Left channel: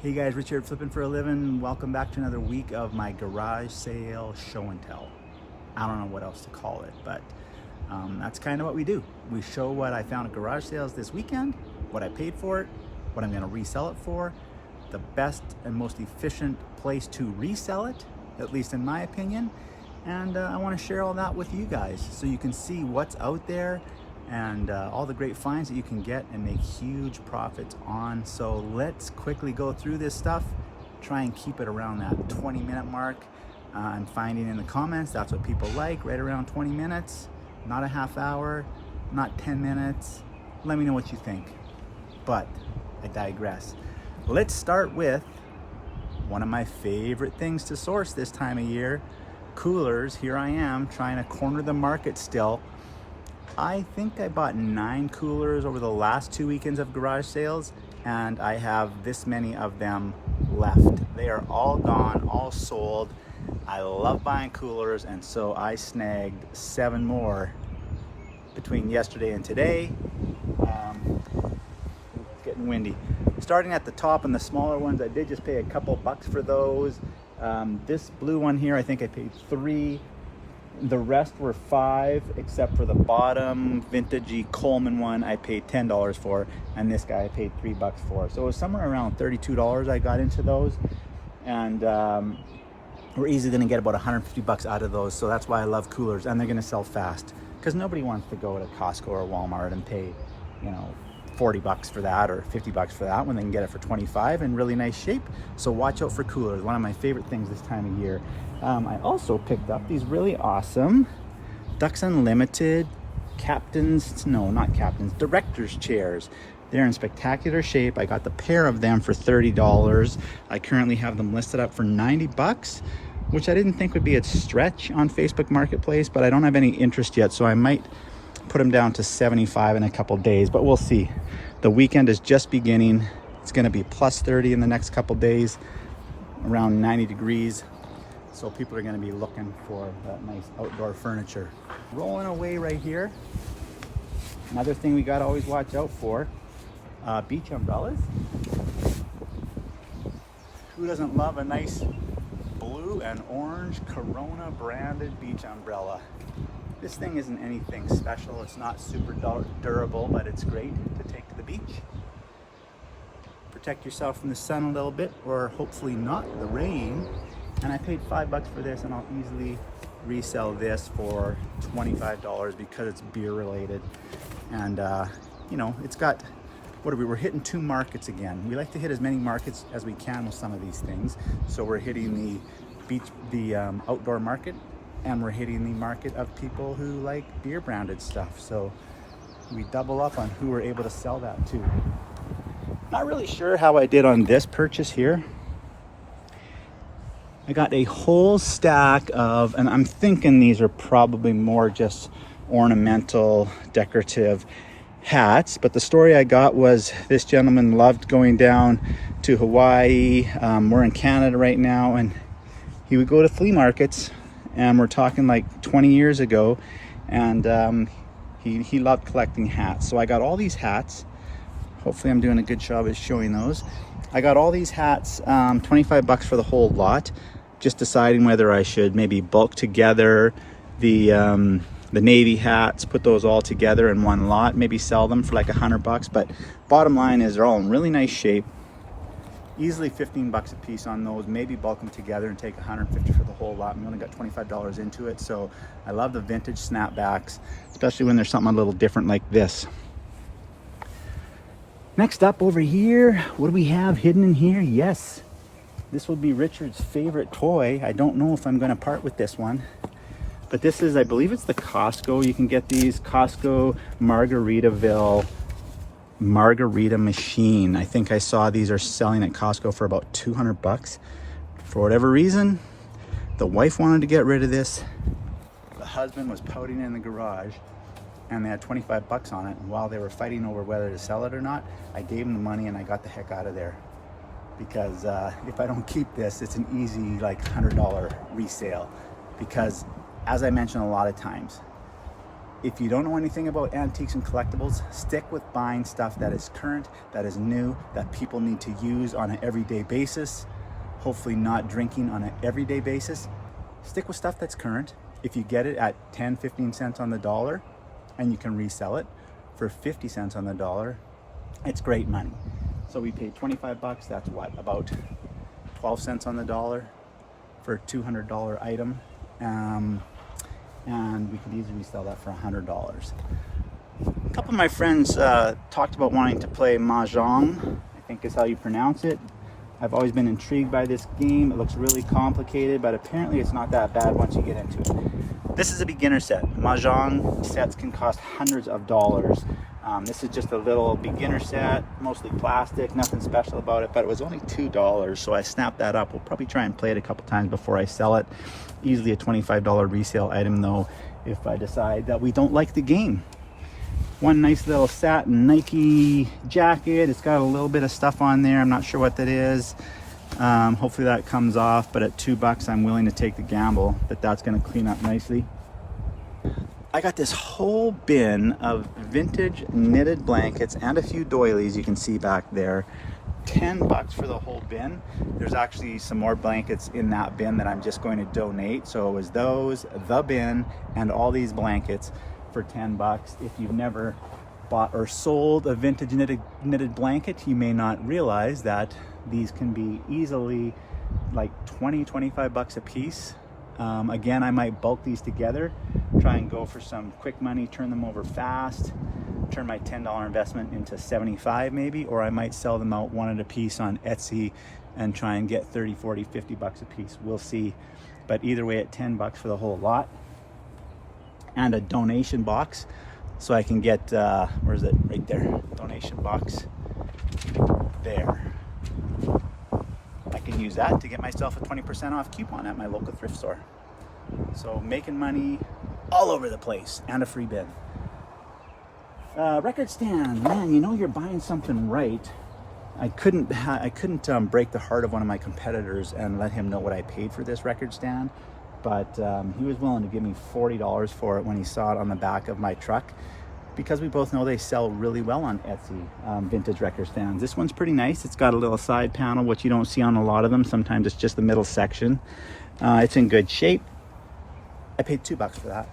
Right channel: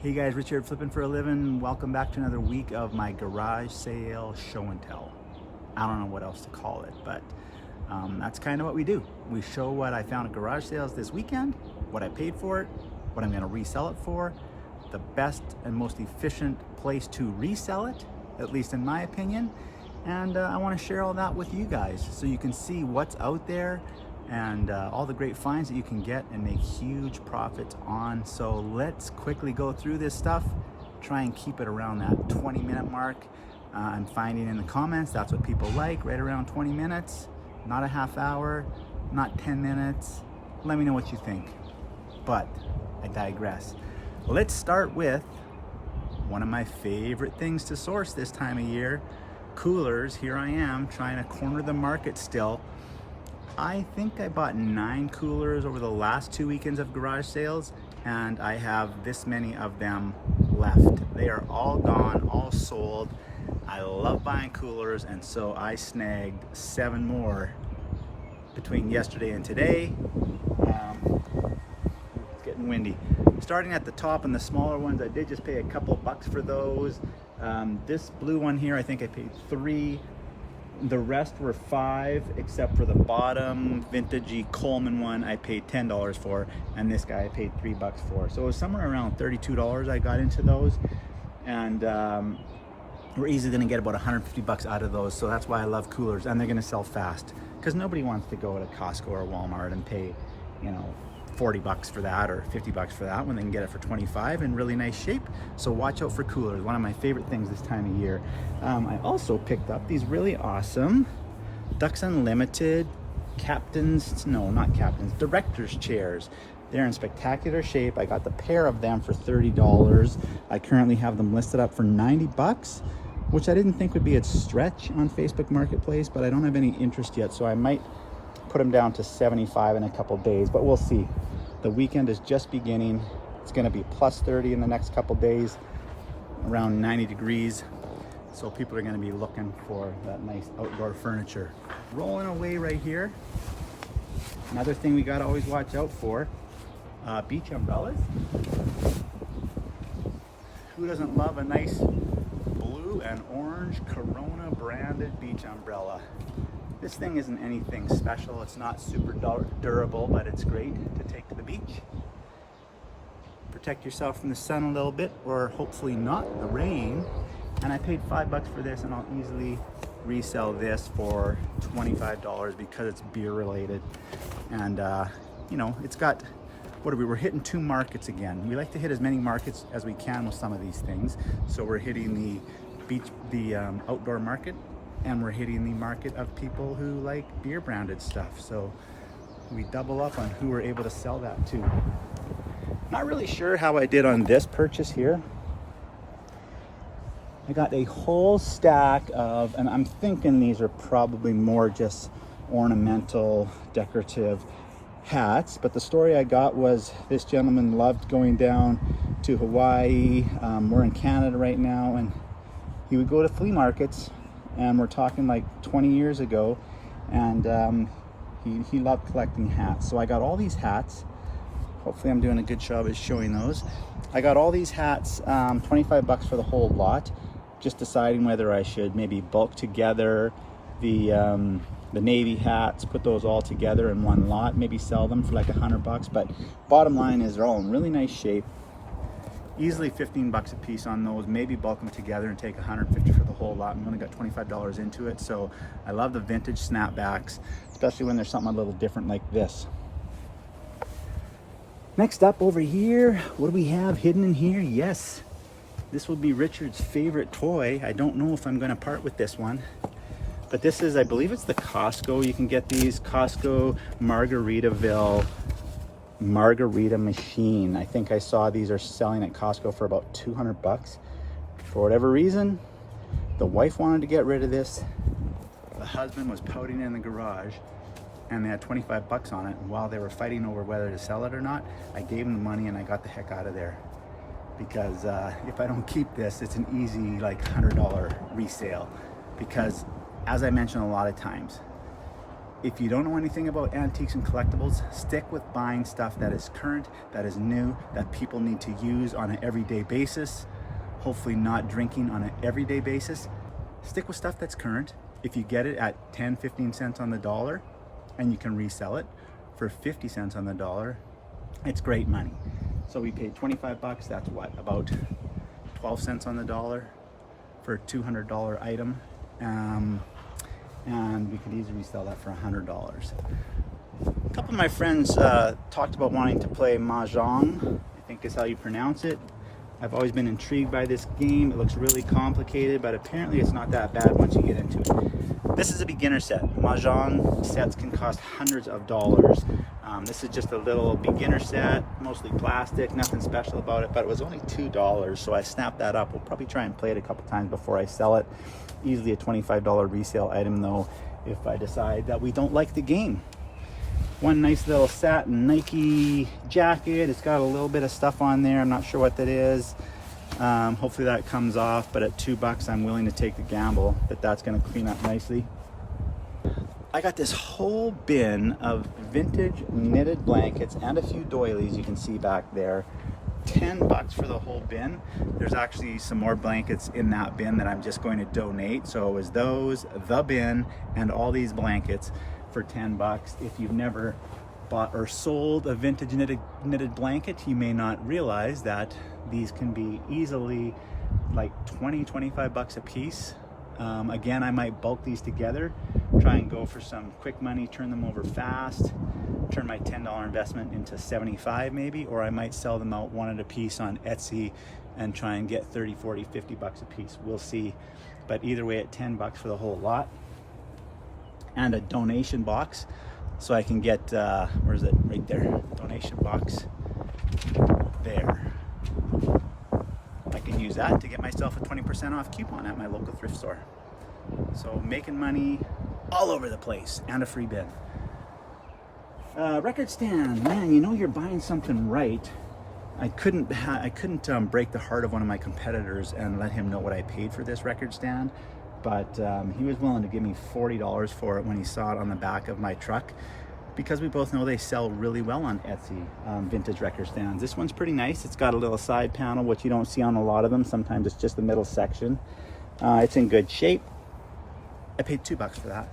Hey guys, Richard flipping for a living. Welcome back to another week of my garage sale show and tell. I don't know what else to call it, but that's kind of what we do. We show what I found at garage sales this weekend, what I paid for it, what I'm going to resell it for, the best and most efficient place to resell it, at least in my opinion. And I want to share all that with you guys so you can see what's out there and all the great finds that you can get and make huge profits on. So let's quickly go through this stuff, try and keep it around that 20-minute mark. I'm finding in the comments that's what people like, right around 20 minutes, not a half hour, not 10 minutes. Let me know what you think, but I digress. Let's start with one of my favorite things to source this time of year, coolers. Here I am trying to corner the market still. I think I bought 9 coolers over the last 2 weekends of garage sales, and I have this many of them left. They are all gone, all sold. I love buying coolers, and so I snagged 7 more between yesterday and today. It's getting windy. Starting at the top and the smaller ones, I did just pay a couple bucks for those. This blue one here, I think I paid 3. The rest were 5, except for the bottom vintagey Coleman one I paid $10 for, and this guy I paid $3 for. So it was somewhere around $32 I got into those, and we're easily going to get about 150 bucks out of those. So that's why I love coolers, and they're going to sell fast because nobody wants to go to Costco or Walmart and pay, you know, 40 bucks for that or 50 bucks for that when they can get it for 25 in really nice shape. So watch out for coolers, one of my favorite things this time of year. I also picked up these really awesome Ducks Unlimited director's chairs. They're in spectacular shape. I got the pair of them for $30. I currently have them listed up for 90 bucks, which I didn't think would be a stretch on Facebook Marketplace, but I don't have any interest yet, so I might put them down to 75 in a couple days, but we'll see. The weekend is just beginning. It's going to be plus 30 in the next couple days, around 90 degrees. So people are going to be looking for that nice outdoor furniture. Rolling away right here. Another thing we got to always watch out for, beach umbrellas. Who doesn't love a nice blue and orange Corona branded beach umbrella? This thing isn't anything special. It's not super durable, but it's great to take to the beach. Protect yourself from the sun a little bit, or hopefully not the rain. And I paid $5 for this, and I'll easily resell this for $25 because it's beer related. And you know, it's got, we're hitting 2 markets again. We like to hit as many markets as we can with some of these things. So we're hitting the outdoor market, and we're hitting the market of people who like beer branded stuff. So we double up on who we're able to sell that to. Not really sure how I did on this purchase here. I got a whole stack of, and I'm thinking these are probably more just ornamental, decorative hats. But the story I got was this gentleman loved going down to Hawaii. We're in Canada right now, and he would go to flea markets, and we're talking like 20 years ago, and he loved collecting hats. So I got all these hats. Hopefully I'm doing a good job of showing those. I got all these hats, 25 bucks for the whole lot. Just deciding whether I should maybe bulk together the Navy hats, put those all together in one lot, maybe sell them for like 100 bucks. But bottom line is they're all in really nice shape. Easily 15 bucks a piece on those. Maybe bulk them together and take 150 for the whole lot. We only got $25 into it. So I love the vintage snapbacks, especially when there's something a little different like this. Next up over here, what do we have hidden in here? Yes, this will be Richard's favorite toy. I don't know if I'm going to part with this one, but this is, I believe it's the Costco. You can get these Costco Margarita Machine. I think I saw these are selling at Costco for about 200 bucks. For whatever reason, the wife wanted to get rid of this. The husband was pouting in the garage, and they had 25 bucks on it. And while they were fighting over whether to sell it or not, I gave them the money and I got the heck out of there. Because if I don't keep this, it's an easy like $100 resale. Because as I mentioned a lot of times, if you don't know anything about antiques and collectibles, stick with buying stuff that is current, that is new, that people need to use on an everyday basis. Hopefully not drinking on an everyday basis. Stick with stuff that's current. If you get it at 10, 15 cents on the dollar and you can resell it for 50 cents on the dollar, it's great money. So we paid 25 bucks. That's what, about 12 cents on the dollar for a $200 item. And we could easily resell that for $100. A couple of my friends talked about wanting to play Mahjong, I think is how you pronounce it. I've always been intrigued by this game. It looks really complicated, but apparently it's not that bad once you get into it. This is a beginner set. Mahjong sets can cost hundreds of dollars. This is just a little beginner set, mostly plastic, nothing special about it, but it was only $2, so I snapped that up. We'll probably try and play it a couple times before I sell it. Easily a $25 resale item though, if I decide that we don't like the game. One nice little satin Nike jacket. It's got a little bit of stuff on there. I'm not sure what that is. Hopefully that comes off, but at $2 I'm willing to take the gamble that that's going to clean up nicely. I got this whole bin of vintage knitted blankets and a few doilies you can see back there. $10 for the whole bin. There's actually some more blankets in that bin that I'm just going to donate. So it was those, the bin, and all these blankets for $10. If you've never bought or sold a vintage knitted blanket, you may not realize that these can be easily like 20, 25 bucks a piece. Again, I might bulk these together, try and go for some quick money, turn them over fast, turn my $10 investment into 75 maybe, or I might sell them out one at a piece on Etsy and try and get 30, 40, 50 bucks a piece. We'll see. But either way, at $10 for the whole lot. And a donation box, so I can get, where is it? Right there, donation box, there. I can use that to get myself a 20% off coupon at my local thrift store. So making money all over the place, and a free bin. Record stand, man, you know you're buying something right. I couldn't break the heart of one of my competitors and let him know what I paid for this record stand, but he was willing to give me $40 for it when he saw it on the back of my truck, because we both know they sell really well on Etsy, vintage record stands. This one's pretty nice. It's got a little side panel, which you don't see on a lot of them. Sometimes it's just the middle section. It's in good shape. I paid $2 for that.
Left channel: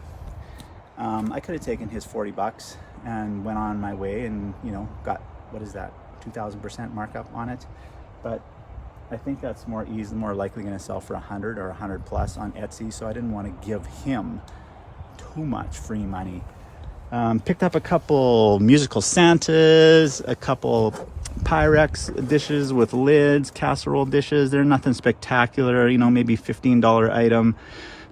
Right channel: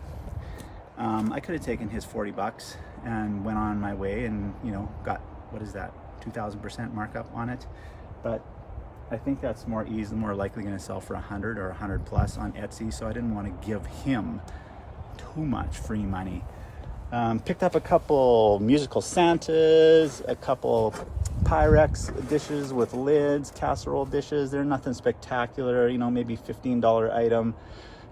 I could have taken his $40 and went on my way and, you know, got, what is that, 2,000% markup on it. But I think that's more likely going to sell for 100 or 100 plus on Etsy. So I didn't want to give him too much free money. Picked up a couple musical Santas, a couple Pyrex dishes with lids, casserole dishes. They're nothing spectacular, you know, maybe $15 item,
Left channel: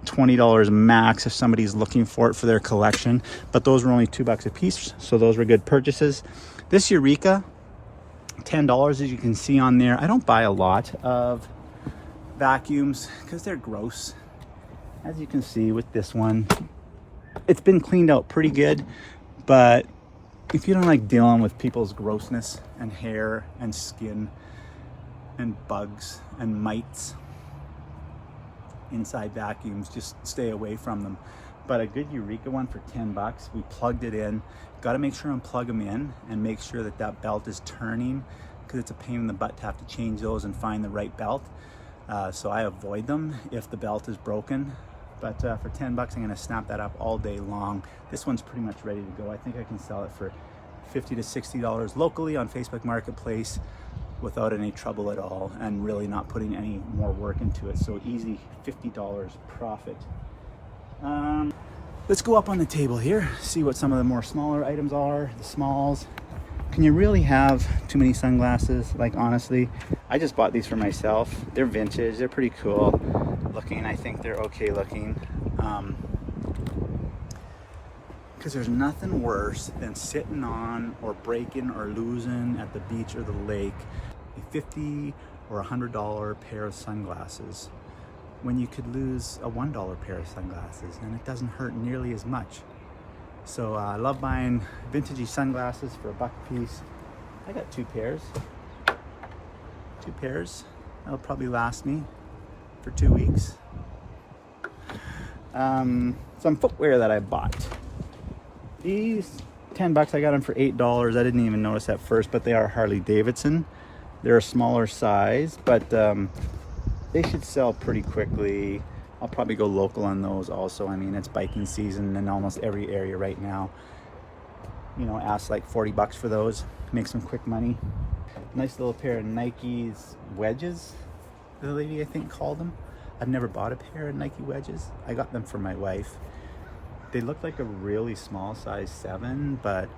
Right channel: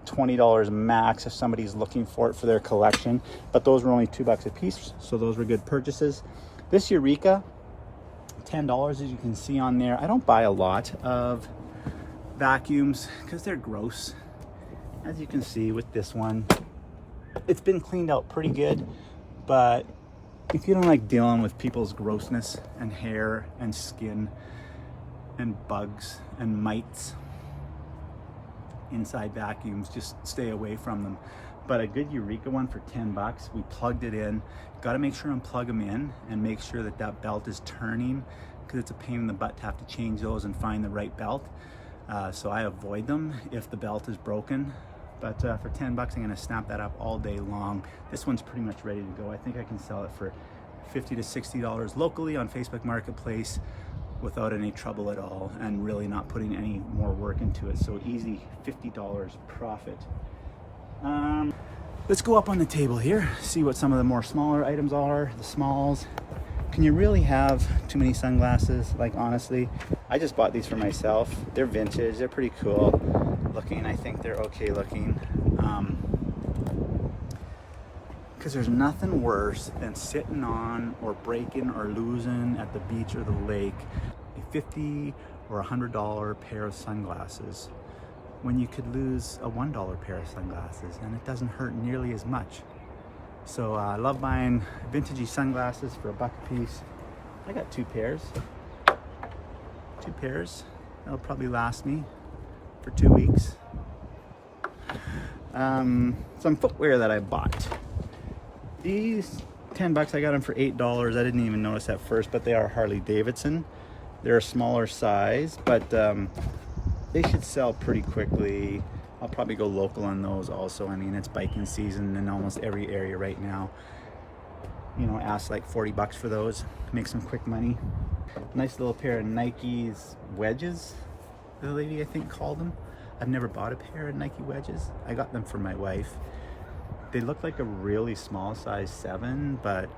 $20 max if somebody's looking for it for their collection. But those were only $2 a piece, so those were good purchases. This Eureka, $10, as you can see on there. I don't buy a lot of vacuums because they're gross. As you can see with this one, it's been cleaned out pretty good, but if you don't like dealing with people's grossness and hair and skin and bugs and mites inside vacuums, just stay away from them. But a good Eureka one for $10, we plugged it in. Got to make sure and plug them in and make sure that that belt is turning, because it's a pain in the butt to have to change those and find the right belt. So I avoid them if the belt is broken. But for $10, I'm gonna snap that up all day long. This one's pretty much ready to go. I think I can sell it for $50 to $60 locally on Facebook Marketplace without any trouble at all, and really not putting any more work into it. So easy $50 profit. Let's go up on the table here, see what some of the more smaller items are, the smalls. Can you really have too many sunglasses? Like, honestly, I just bought these for myself. They're vintage, they're pretty cool looking. I think they're okay looking. Because there's nothing worse than sitting on or breaking or losing at the beach or the lake a $50 or $100 pair of sunglasses when you could lose a $1 pair of sunglasses and it doesn't hurt nearly as much. So I love buying vintagey sunglasses for $1 a piece. I got two pairs. That'll probably last me for 2 weeks. Some footwear that I bought. These 10 bucks, I got them for $8. I didn't even notice at first, but they are Harley Davidson. They're a smaller size, but they should sell pretty quickly. I'll probably go local on those also. I mean, it's biking season in almost every area right now. You know, ask like 40 bucks for those, make some quick money. Nice little pair of Nike's wedges, the lady I think called them. I've never bought a pair of Nike wedges. I got them for my wife. They look like a really small size 7, but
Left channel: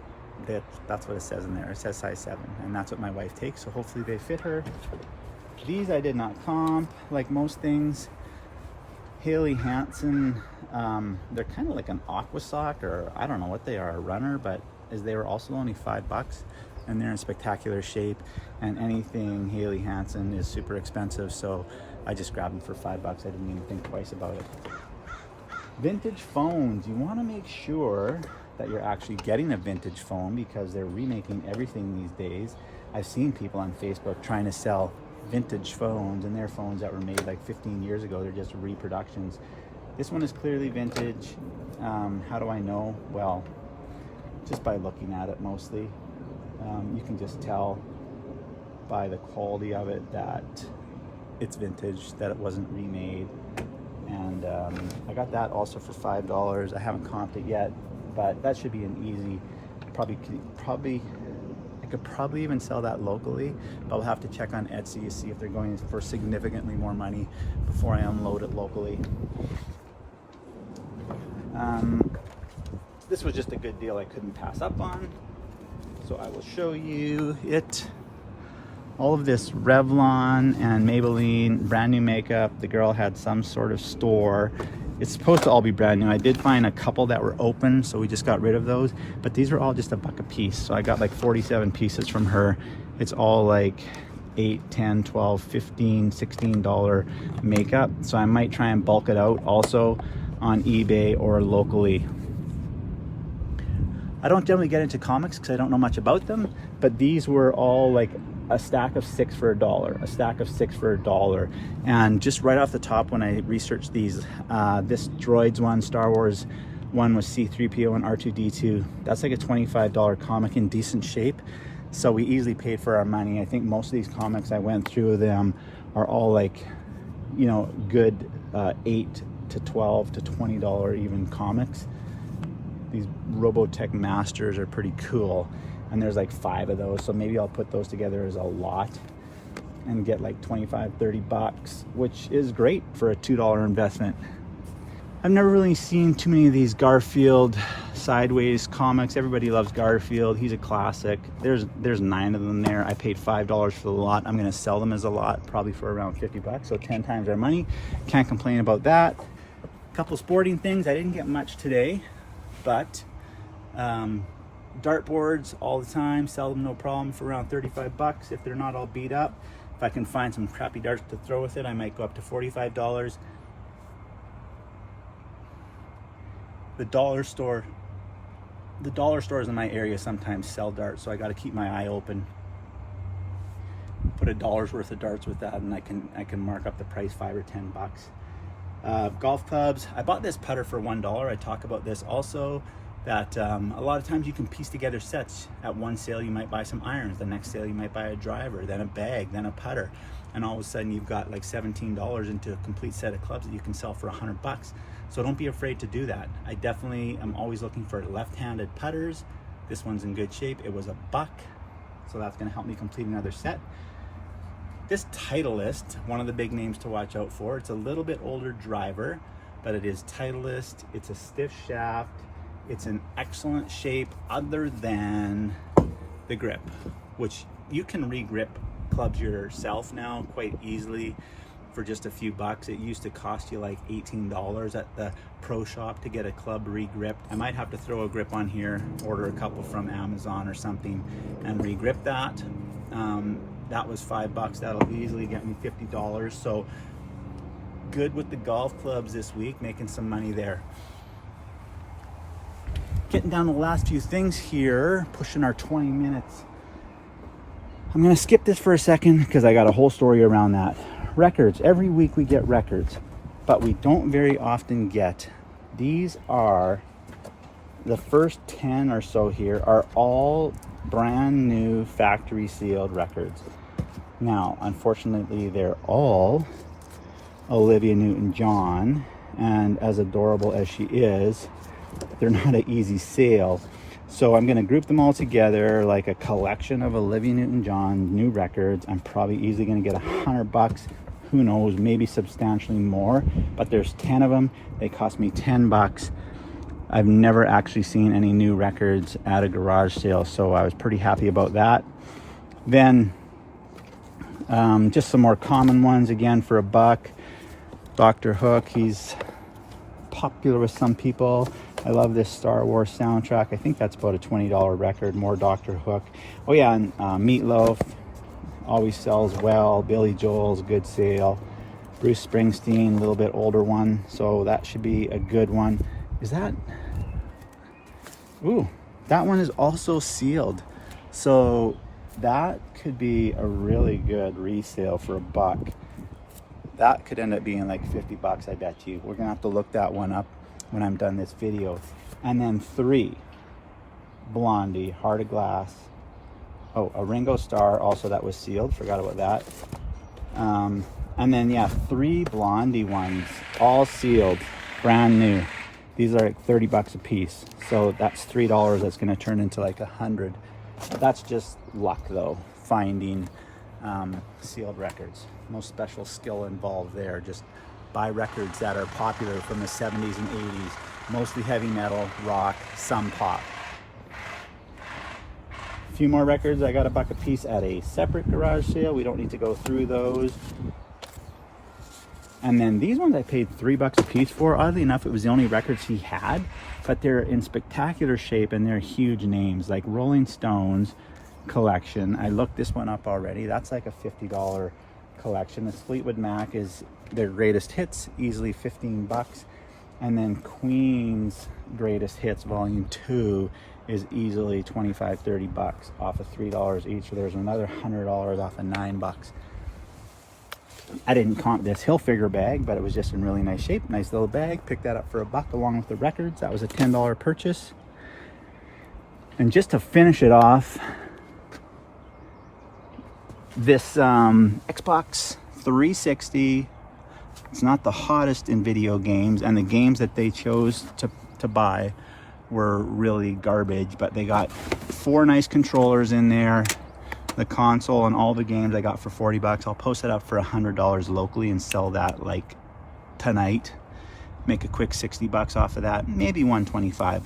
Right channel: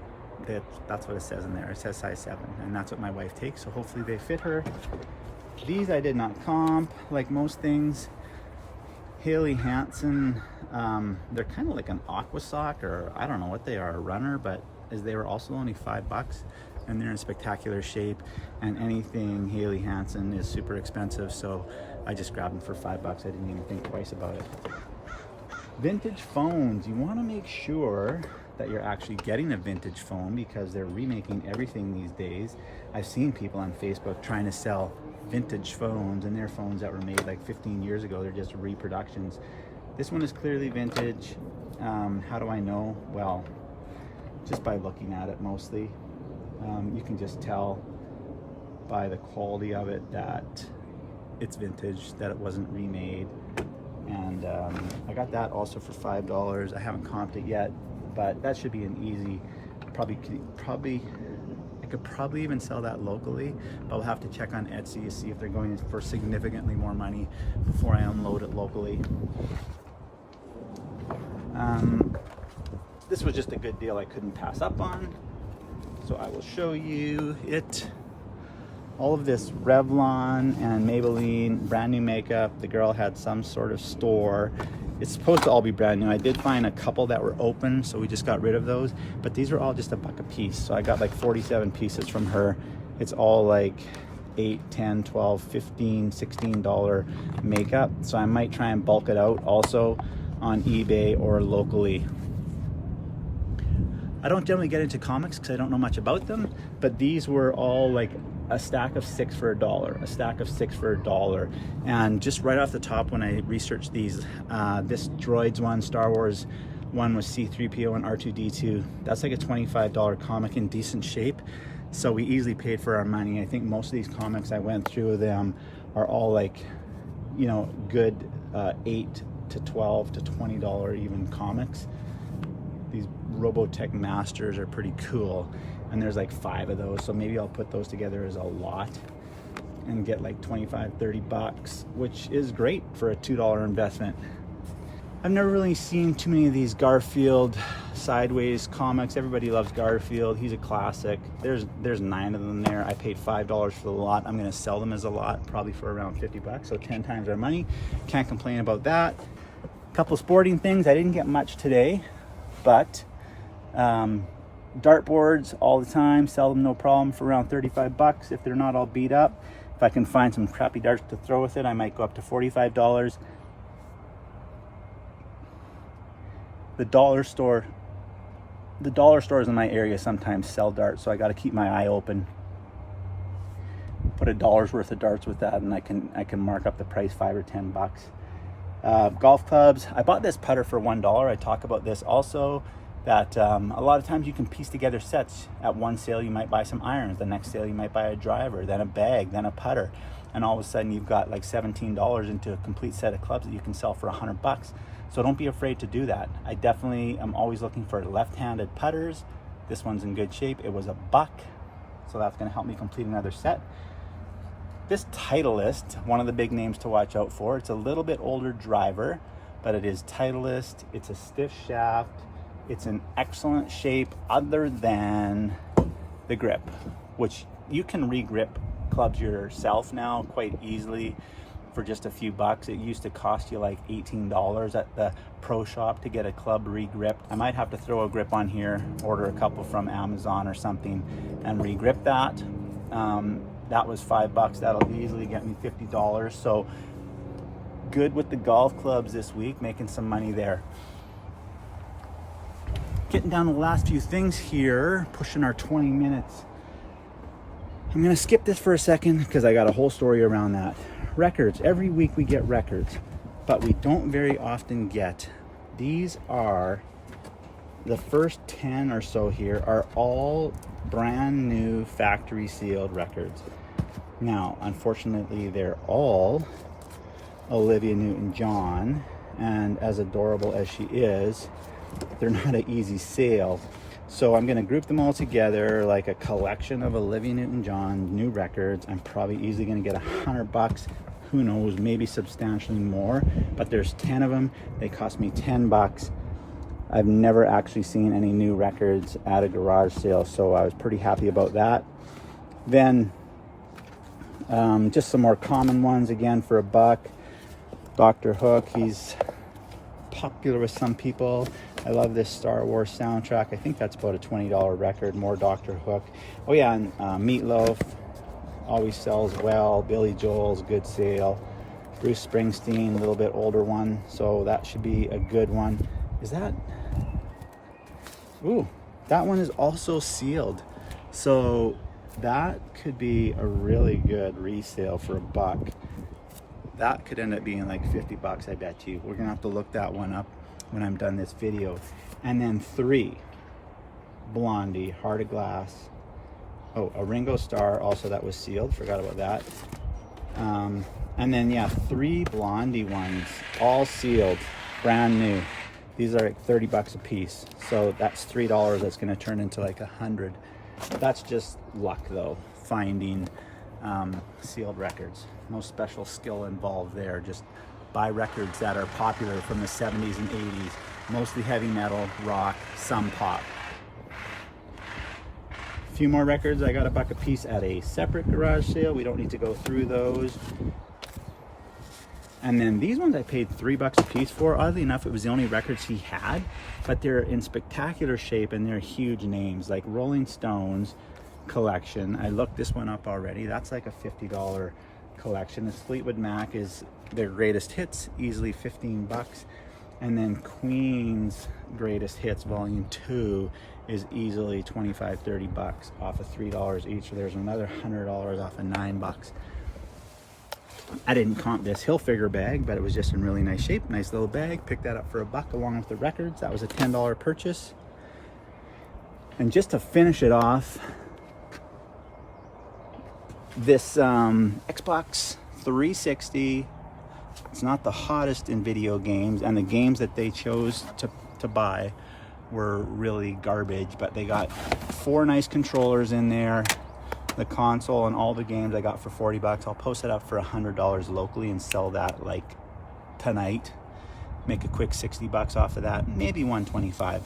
that's what it says in there. It says size 7, and that's what my wife takes, so hopefully they fit her. These I did not comp, like most things. Haley Hansen, they're kind of like an aqua sock, or I don't know what they are, a runner, but as they were also only 5 bucks, and they're in spectacular shape, and anything Haley Hansen is super expensive, so I just grabbed them for 5 bucks. I didn't even think twice about it. Vintage phones, you want to make sure that you're actually getting a vintage phone because they're remaking everything these days. I've seen people on Facebook trying to sell vintage phones, and they're phones that were made like 15 years ago. They're just reproductions. This one is clearly vintage. How do I know? Well, just by looking at it mostly. You can just tell by the quality of it that it's vintage, that it wasn't remade. And I got that also for $5. I haven't comped it yet, but that should be an easy, I could probably even sell that locally, but I'll have to check on Etsy to see if they're going for significantly more money before I unload it locally. This was just a good deal I couldn't pass up on, so I will show you it. All of this Revlon and Maybelline brand new makeup. The girl had some sort of store. It's supposed to all be brand new. I did find a couple that were open, so we just got rid of those, but these are all just $1 a piece. So I got like 47 pieces from her. It's all like $8, $10, $12, $15, $16 makeup. So I might try and bulk it out also on eBay or locally. I don't generally get into comics because I don't know much about them, but these were all like a stack of 6 for $1, a stack of 6 for $1. And just right off the top, when I researched these, this Droids one, Star Wars one was C-3PO and R2-D2. That's like a $25 comic in decent shape. So we easily paid for our money. I think most of these comics I went through them are all like, you know, good $8 to $12 to $20 even comics. These Robotech Masters are pretty cool, and there's like 5 of those, so maybe I'll put those together as a lot and get like 25, 30 bucks, which is great for a $2 investment. I've never really seen too many of these Garfield sideways comics. Everybody loves Garfield. He's a classic. There's 9 of them there. I paid $5 for the lot. I'm gonna sell them as a lot, probably for around 50 bucks, so 10 times our money. Can't complain about that. A couple sporting things. I didn't get much today, but dartboards all the time, sell them no problem for around 35 bucks if they're not all beat up. If I can find some crappy darts to throw with it, I might go up to $45. The dollar stores in my area sometimes sell darts, so I got to keep my eye open. Put $1 worth of darts with that, and I can mark up the price 5 or 10 bucks. Golf clubs. I bought this putter for $1. I talk about this also, that a lot of times you can piece together sets. At one sale you might buy some irons, the next sale you might buy a driver, then a bag, then a putter, and all of a sudden you've got like $17 into a complete set of clubs that you can sell for 100 bucks. So don't be afraid to do that. I definitely am always looking for left-handed putters. This one's in good shape. It was $1, so that's going to help me complete another set. This Titleist, one of the big names to watch out for. It's a little bit older driver, but it is Titleist. It's a stiff shaft. It's in excellent shape other than the grip, which you can re-grip clubs yourself now quite easily for just a few bucks. It used to cost you like $18 at the pro shop to get a club re-gripped. I might have to throw a grip on here, order a couple from Amazon or something and re-grip that. That was $5. That'll easily get me $50. So good with the golf clubs this week, making some money there. Getting down to the last few things here, pushing our 20 minutes. I'm gonna skip this for a second because I got a whole story around that. Records, every week we get records, but we don't very often get. These are the first 10 or so here are all brand new factory sealed records. Now, unfortunately, they're all Olivia Newton-John, and as adorable as she is, they're not an easy sale. So I'm going to group them all together like a collection of Olivia Newton-John new records. I'm probably easily going to get $100. Who knows, maybe substantially more, but there's 10 of them. They cost me $10. I've never actually seen any new records at a garage sale, so I was pretty happy about that. Then just some more common ones again for $1. Dr. Hook, he's popular with some people. I love this Star Wars soundtrack. I think that's about a $20 record. More Dr. Hook. Oh yeah, and Meatloaf always sells well. Billy Joel's good sale. Bruce Springsteen, a little bit older one, so that should be a good one. Is that? Ooh, that one is also sealed. So that could be a really good resale for $1. That could end up being like $50, I bet you. We're gonna have to look that one up when I'm done this video. And then 3, Blondie, Heart of Glass. Oh, a Ringo Starr, also that was sealed, forgot about that. And then yeah, 3 Blondie ones, all sealed, brand new. These are like $30 a piece. So that's $3, that's gonna turn into like $100. That's just luck though, finding sealed records. No special skill involved there, just buy records that are popular from the 70s and 80s, mostly heavy metal, rock, some pop. A few more records, I got $1 a piece at a separate garage sale. We don't need to go through those. And then these ones I paid $3 a piece for. Oddly enough, it was the only records he had, but they're in spectacular shape and they're huge names, like Rolling Stones collection. I looked this one up already. That's like a $50 collection. This Fleetwood Mac is their greatest hits, easily $15. And then Queen's greatest hits volume 2 is easily $25-30 off of $3 each. So there's another $100 off of $9. I didn't comp this Hilfiger bag, but it was just in really nice shape. Nice little bag. Picked that up for $1 along with the records. That was a $10 purchase. And just to finish it off, this Xbox 360, it's not the hottest in video games, and the games that they chose to buy were really garbage, but they got 4 nice controllers in there. The console and all the games I got for $40. I'll post it up for $100 locally and sell that like tonight. Make a quick $60 off of that, maybe $125.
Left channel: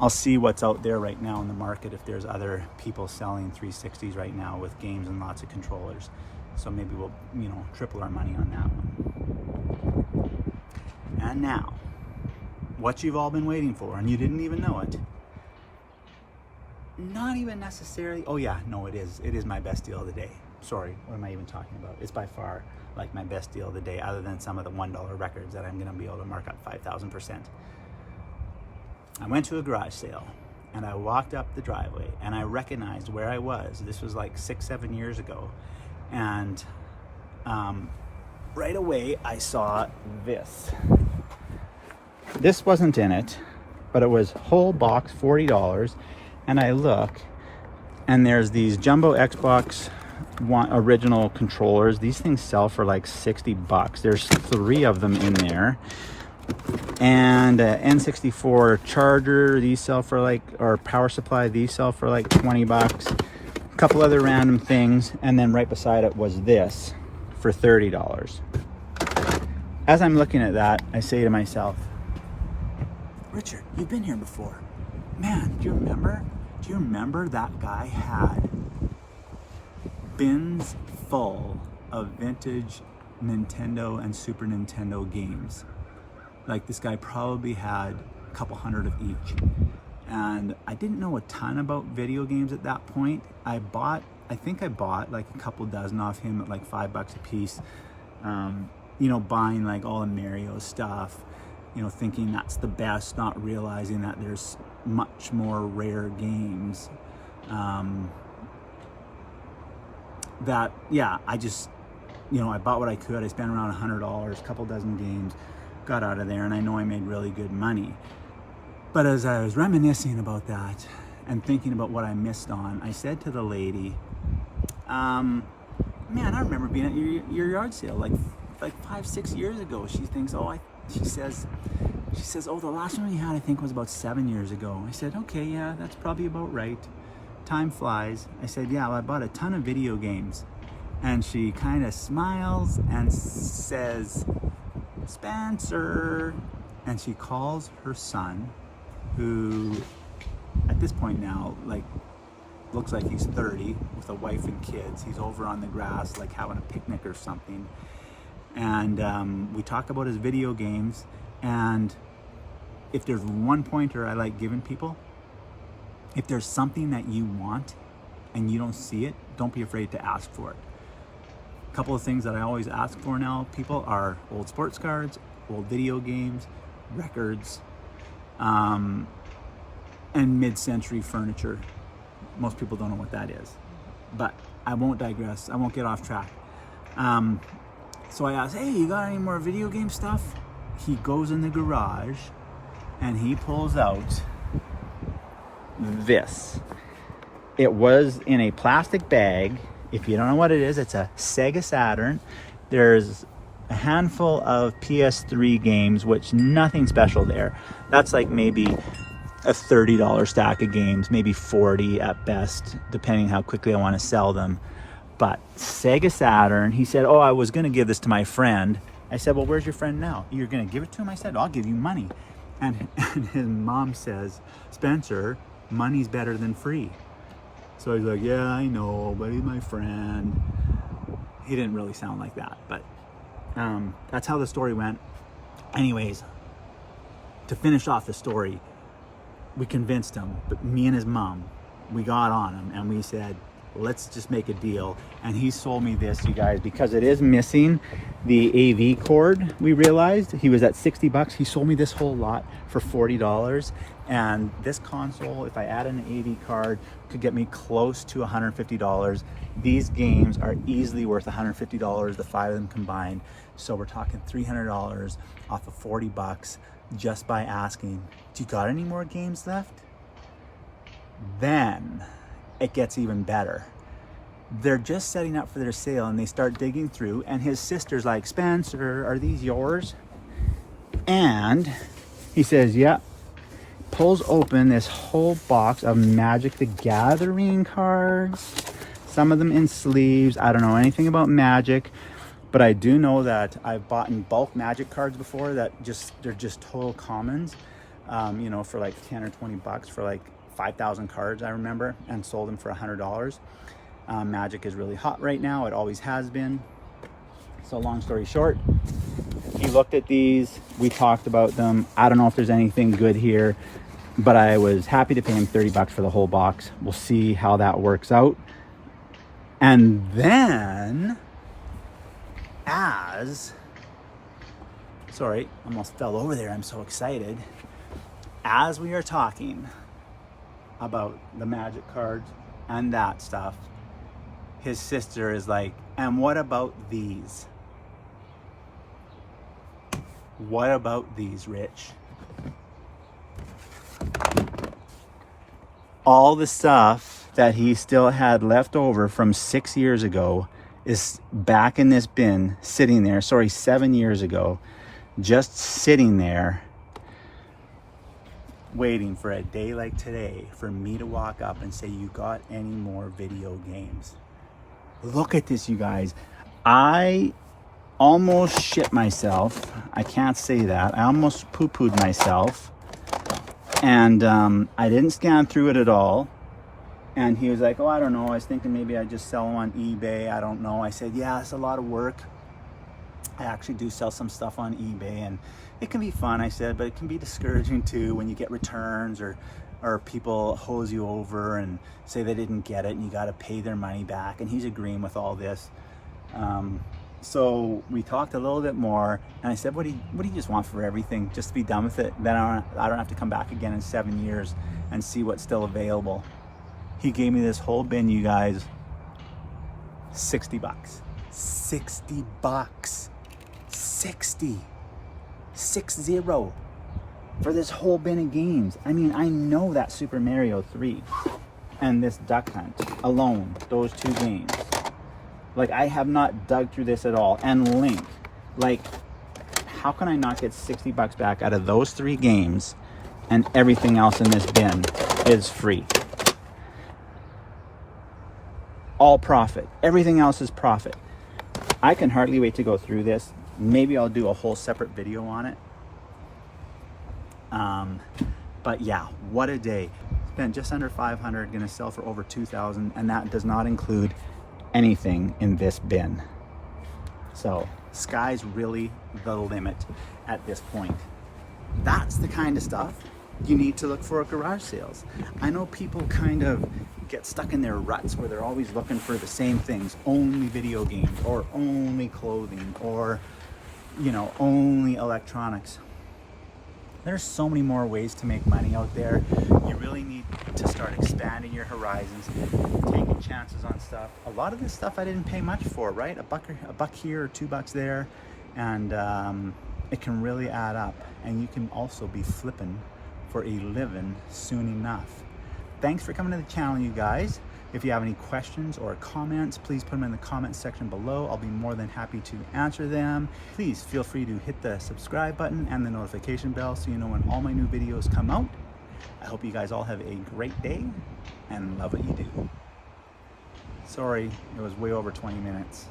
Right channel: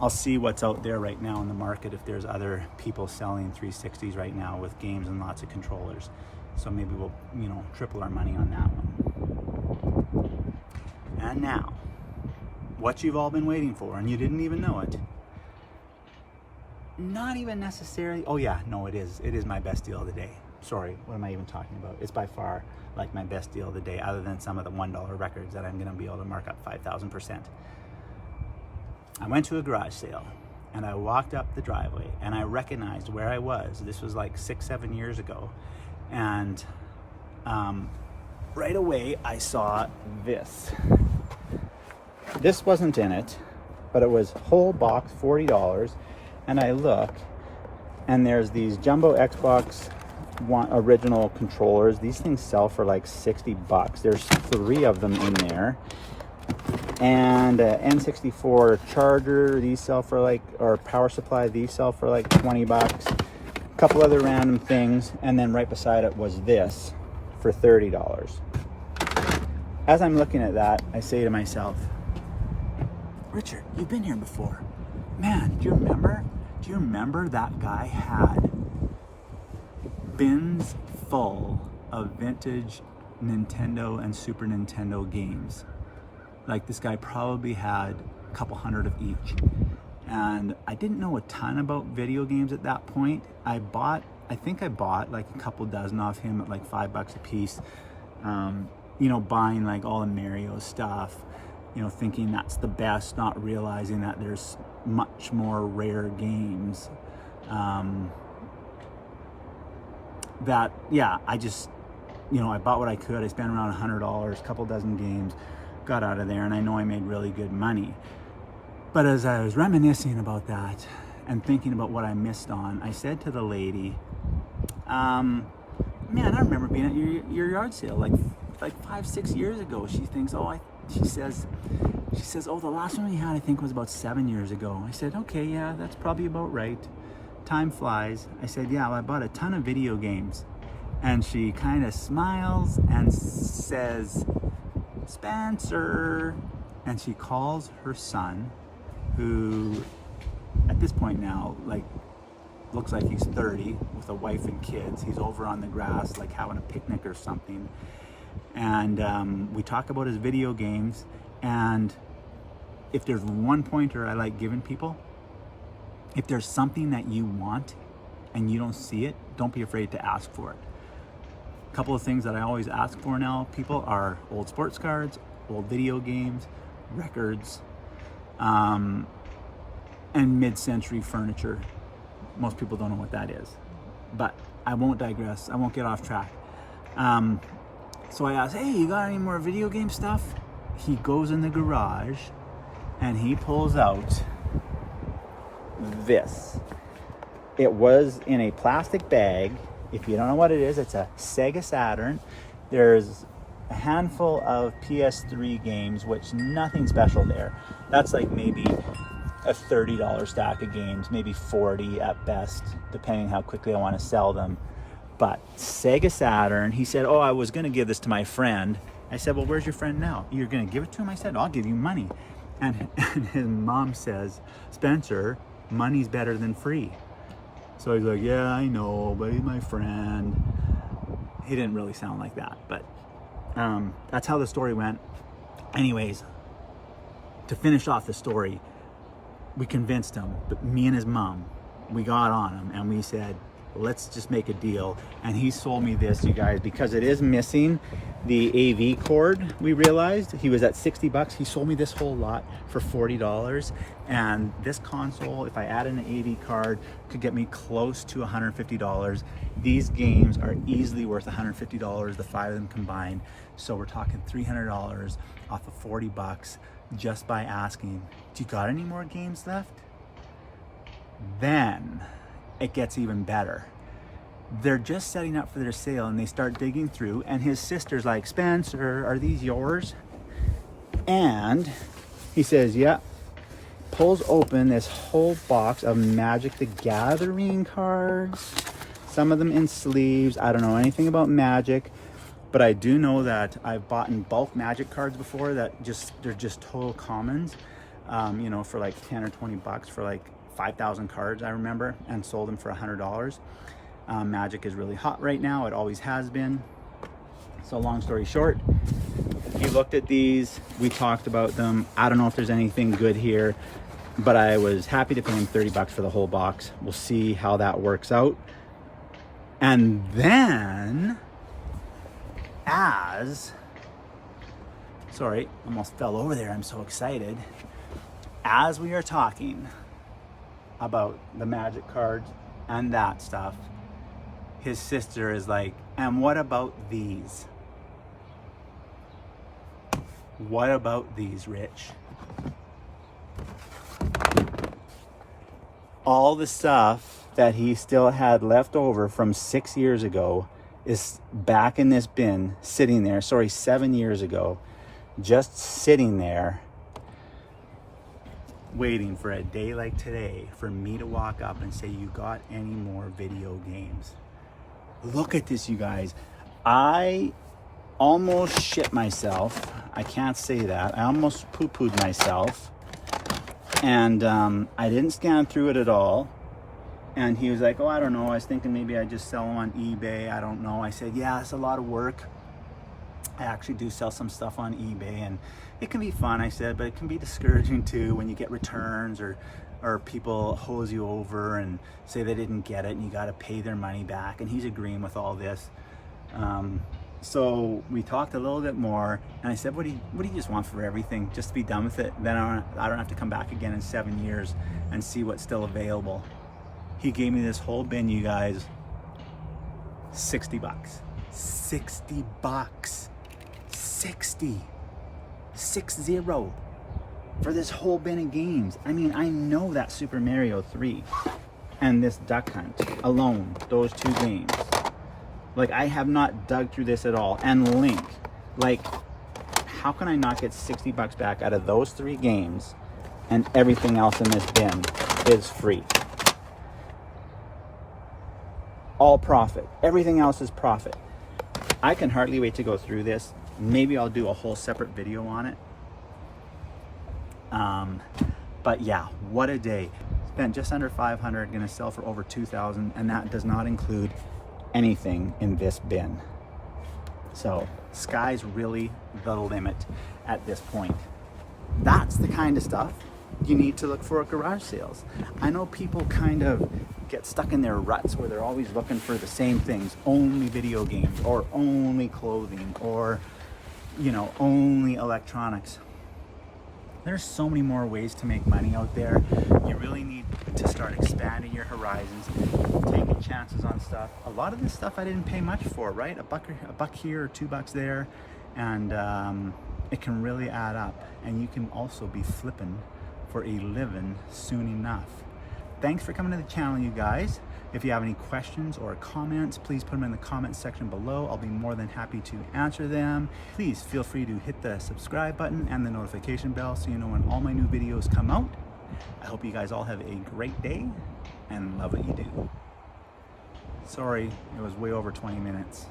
I'll see what's out there right now in the market, if there's other people selling 360s right now with games and lots of controllers. So maybe we'll, you know, triple our money on that one. And now, what you've all been waiting for, and you didn't even know it. Not even necessarily, oh yeah, no, it is my best deal of the day. Sorry, what am I even talking about? It's by far like my best deal of the day, other than some of the $1 records that I'm gonna be able to mark up 5,000%. I went to a garage sale and I walked up the driveway and I recognized where I was. This was like 6-7 years ago. And right away I saw this. This wasn't in it, but it was whole box, $40. And I look, and there's these jumbo Xbox One original controllers. These things sell for like $60. There's 3 of them in there. And N64 charger, these sell for like, or power supply, these sell for like $20. A couple other random things, and then right beside it was this for $30. As I'm looking at that, I say to myself, Richard, you've been here before. Man, do you remember that guy had bins full of vintage Nintendo and Super Nintendo games? Like, this guy probably had a couple hundred of each. And I didn't know a ton about video games at that point. I think I bought like a couple dozen off him at like $5 a piece. You know, buying like all the Mario stuff, you know, thinking that's the best, not realizing that there's much more rare games. That, yeah, I just, you know, I bought what I could. I spent around $100, a couple dozen games, got out of there, and I know I made really good money. But as I was reminiscing about that and thinking about what I missed on, I said to the lady, man, I remember being at your yard sale like 5-6 years ago. She thinks, she says, oh, the last one we had I think was about 7 years ago. I said, okay, yeah, that's probably about right. Time flies. I said, yeah, well, I bought a ton of video games. And she kind of smiles and says, Spencer. And she calls her son, who at this point now, like, looks like he's 30 with a wife and kids. He's over on the grass, like having a picnic or something. And we talk about his video games. And if there's one pointer I like giving people, if there's something that you want and you don't see it, don't be afraid to ask for it. A couple of things that I always ask for now, people, are old sports cards, old video games, records, and mid-century furniture. Most people don't know what that is, but I won't digress. I won't get off track. So I asked, hey, you got any more video game stuff? He goes in the garage and he pulls out this. It was in a plastic bag. If you don't know what it is, it's a Sega Saturn. There's a handful of PS3 games, which nothing special there. That's like maybe a $30 stack of games, maybe 40 at best, depending how quickly I want to sell them. But Sega Saturn, he said, oh, I was going to give this to my friend. I said, well, where's your friend now? You're going to give it to him? I said, I'll give you money. And his mom says, Spencer, money's better than free. So he's like, yeah, I know, but he's my friend. He didn't really sound like that, but that's how the story went. Anyways, to finish off the story, we convinced him, but me and his mom, we got on him and we said, let's just make a deal. And he sold me this, you guys, because it is missing the AV cord. We realized he was at 60 bucks. He sold me this whole lot for $40. And this console, if I add in an AV card, could get me close to $150. These games are easily worth $150, the 5 of them combined. So we're talking $300 off of 40 bucks just by asking, do you got any more games left? Then it gets even better. They're just setting up for their sale and they start digging through, and his sister's like, Spencer, are these yours? And he says, yeah. Pulls open this whole box of Magic the Gathering cards, some of them in sleeves. I don't know anything about Magic, but I do know that I've bought in bulk Magic cards before that they're just total commons, you know, for like 10 or 20 bucks for like 5,000 cards, I remember, and sold them for $100. Magic is really hot right now. It always has been. So long story short, he looked at these, we talked about them. I don't know if there's anything good here, but I was happy to pay him 30 bucks for the whole box. We'll see how that works out. And then, sorry, almost fell over there. I'm so excited. As we are talking about the Magic cards and that stuff, his sister is like, and what about these? What about these, Rich? All the stuff that he still had left over from 6 years ago is back in this bin, sitting there, 7 years ago, just sitting there, waiting for a day like today for me to walk up and say, you got any more video games? Look at this, you guys. I almost shit myself. I can't say that. I almost poo-pooed myself. And I didn't scan through it at all. And he was like, oh, I don't know. I was thinking maybe I'd just sell them on eBay. I don't know. I said, yeah, it's a lot of work. I actually do sell some stuff on eBay, and it can be fun, I said, but it can be discouraging too when you get returns or people hose you over and say they didn't get it and you got to pay their money back. And he's agreeing with all this. So we talked a little bit more, and I said, what do you just want for everything? Just to be done with it. Then I don't have to come back again in 7 years and see what's still available. He gave me this whole bin, you guys, 60 bucks. 60 bucks. 60. 60. for this whole bin of games. I mean, I know that Super Mario 3 and this Duck Hunt alone, those 2 games. Like, I have not dug through this at all. And Link, like, how can I not get 60 bucks back out of those 3 games and everything else in this bin is free? All profit. Everything else is profit. I can hardly wait to go through this. Maybe I'll do a whole separate video on it. But yeah, what a day. Spent just under 500, gonna sell for over 2,000, and that does not include anything in this bin. So sky's really the limit at this point. That's the kind of stuff you need to look for at garage sales. I know people kind of get stuck in their ruts where they're always looking for the same things, only video games or only clothing or, you know, only electronics. There's so many more ways to make money out there. You really need to start expanding your horizons, taking chances on stuff. A lot of this stuff I didn't pay much for, right? A buck here or $2 there, and it can really add up. And you can also be flipping for a living soon enough. Thanks for coming to the channel, you guys. If you have any questions or comments, please put them in the comment section below. I'll be more than happy to answer them. Please feel free to hit the subscribe button and the notification bell so you know when all my new videos come out. I hope you guys all have a great day and love what you do. Sorry, it was way over 20 minutes.